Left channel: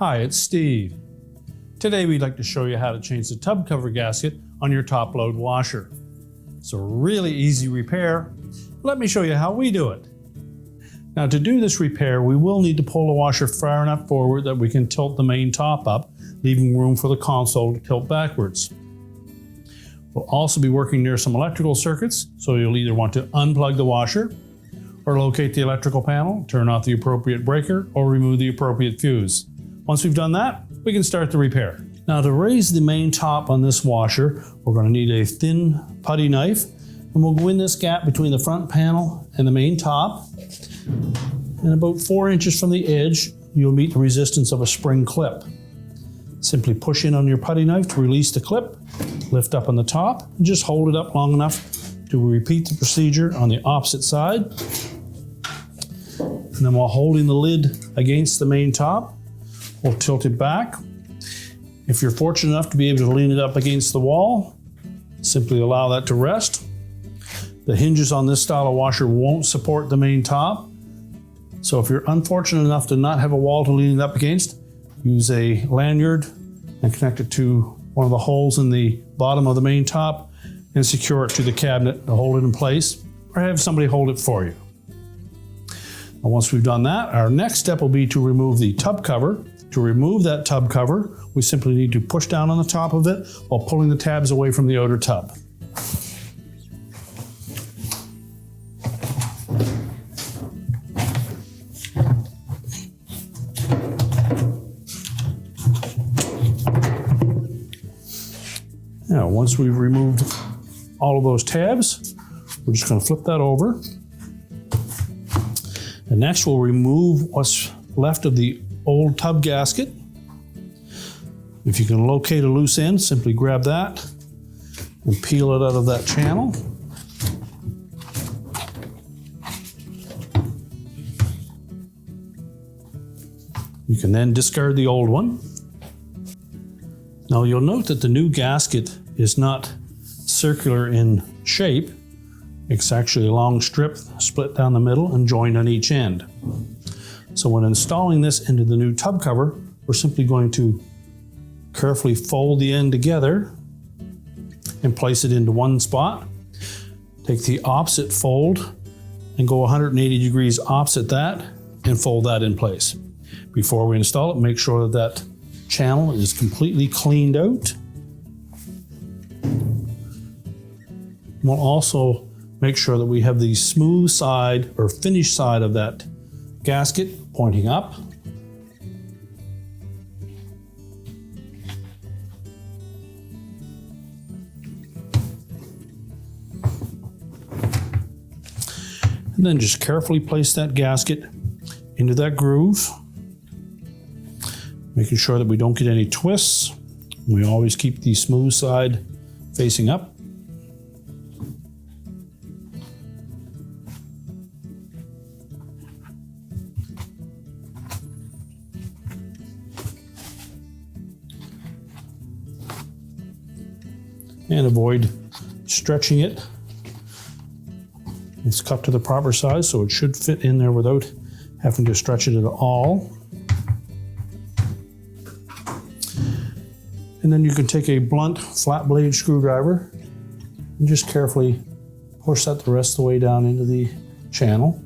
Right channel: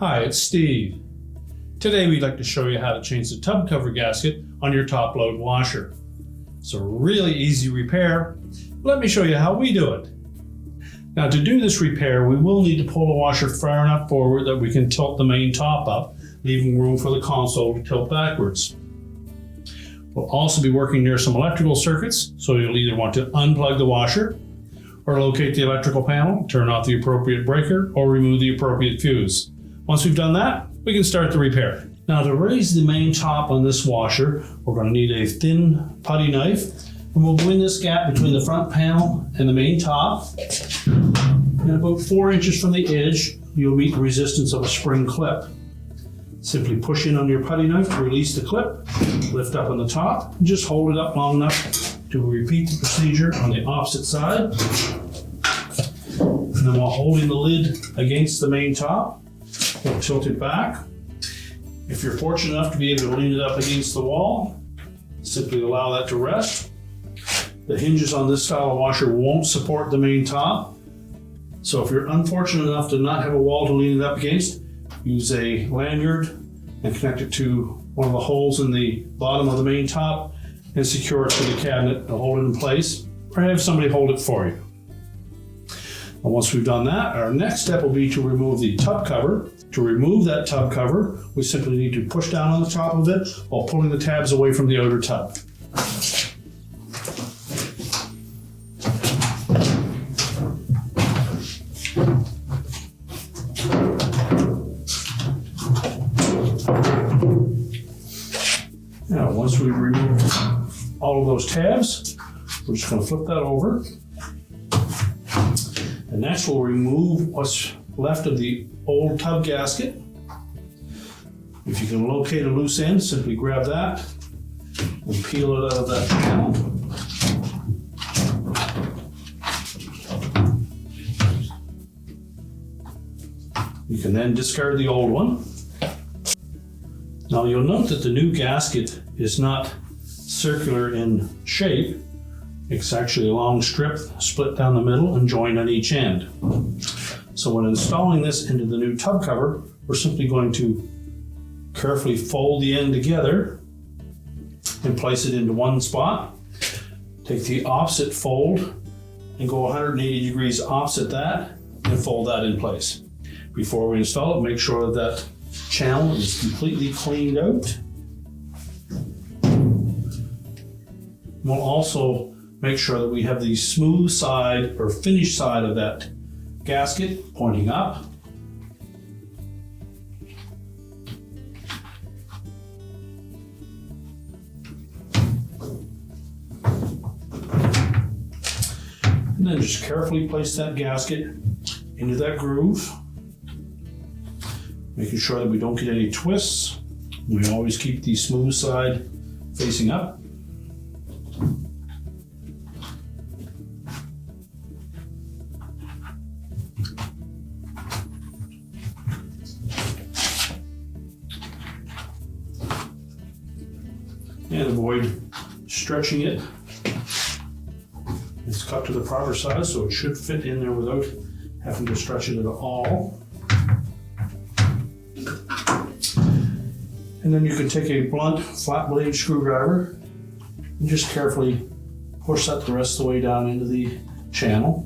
Hi, it's Steve. Today we'd like to show you how to change the tub cover gasket on your top load washer. It's a really easy repair. Let me show you how we do it. Now to do this repair, we will need to pull the washer far enough forward that we can tilt the main top up, leaving room for the console to tilt backwards. We'll also be working near some electrical circuits, so you'll either want to unplug the washer or locate the electrical panel, turn off the appropriate breaker, or remove the appropriate fuse. Once we've done that, we can start the repair. Now to raise the main top on this washer, we're going to need a thin putty knife, and we'll go in this gap between the front panel and the main top. And about 4 inches from the edge, you'll meet the resistance of a spring clip. Simply push in on your putty knife to release the clip, lift up on the top, and just hold it up long enough to repeat the procedure on the opposite side. And then while holding the lid against the main top, we'll tilt it back. If you're fortunate enough to be able to lean it up against the wall, simply allow that to rest. The hinges on this style of washer won't support the main top. So if you're unfortunate enough to not have a wall to lean it up against, use a lanyard and connect it to one of the holes in the bottom of the main top and secure it to the cabinet and hold it in place, or have somebody hold it for you. And once we've done that, our next step will be to remove the tub cover. To remove that tub cover, we simply need to push down on the top of it while pulling the tabs away from the outer tub. Now, once we've removed all of those tabs, we're just going to flip that over. And next we'll remove what's left of the old tub gasket. If you can locate a loose end, simply grab that and peel it out of that channel. You can then discard the old one. Now you'll note that the new gasket is not circular in shape. It's actually a long strip split down the middle and joined on each end. So when installing this into the new tub cover, we're simply going to carefully fold the end together and place it into one spot. Take the opposite fold and go 180 degrees opposite that and fold that in place. Before we install it, make sure that that channel is completely cleaned out. We'll also make sure that we have the smooth side or finished side of that gasket pointing up. And then just carefully place that gasket into that groove, making sure that we don't get any twists. We always keep the smooth side facing up. And avoid stretching it. It's cut to the proper size, so it should fit in there without having to stretch it at all. And then you can take a blunt flat blade screwdriver and just carefully push that the rest of the way down into the channel.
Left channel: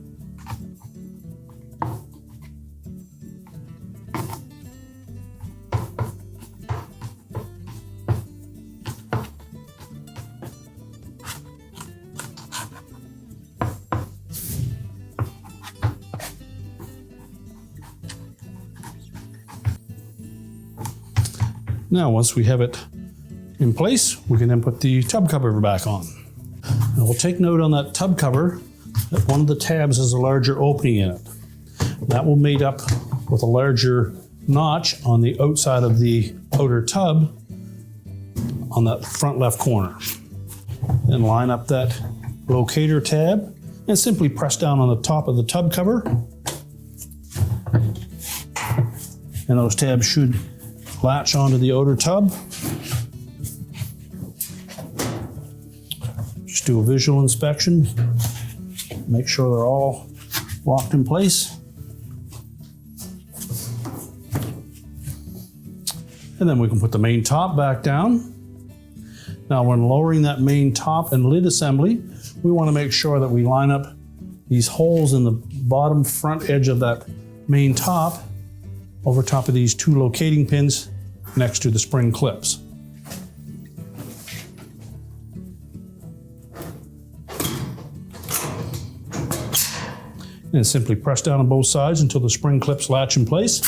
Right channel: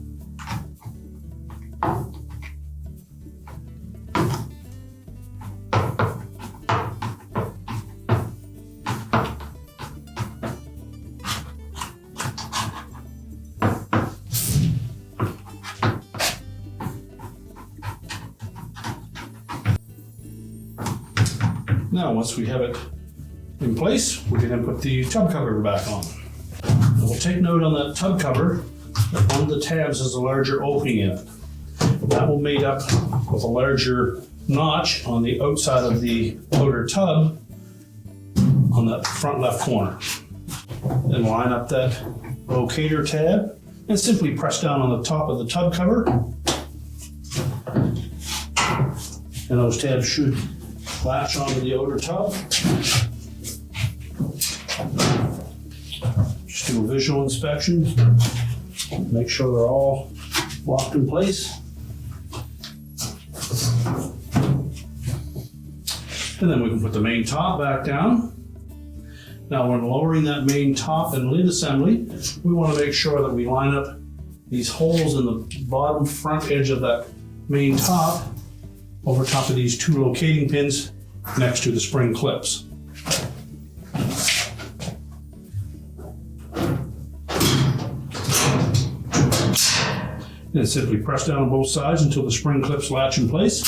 Now, once we have it in place, we can then put the tub cover back on. Now, we'll take note on that tub cover that one of the tabs has a larger opening in it. That will mate up with a larger notch on the outside of the outer tub on that front left corner. Then line up that locator tab and simply press down on the top of the tub cover. And those tabs should latch onto the outer tub. Just do a visual inspection, make sure they're all locked in place. And then we can put the main top back down. Now when lowering that main top and lid assembly, we want to make sure that we line up these holes in the bottom front edge of that main top over top of these two locating pins next to the spring clips. And simply press down on both sides until the spring clips latch in place.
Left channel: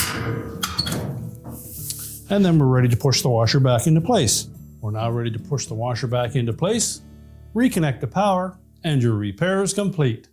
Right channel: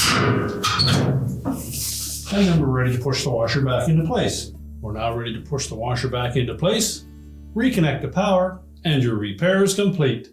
And then we're ready to push the washer back into place. We're now ready to push the washer back into place, reconnect the power, and your repair is complete.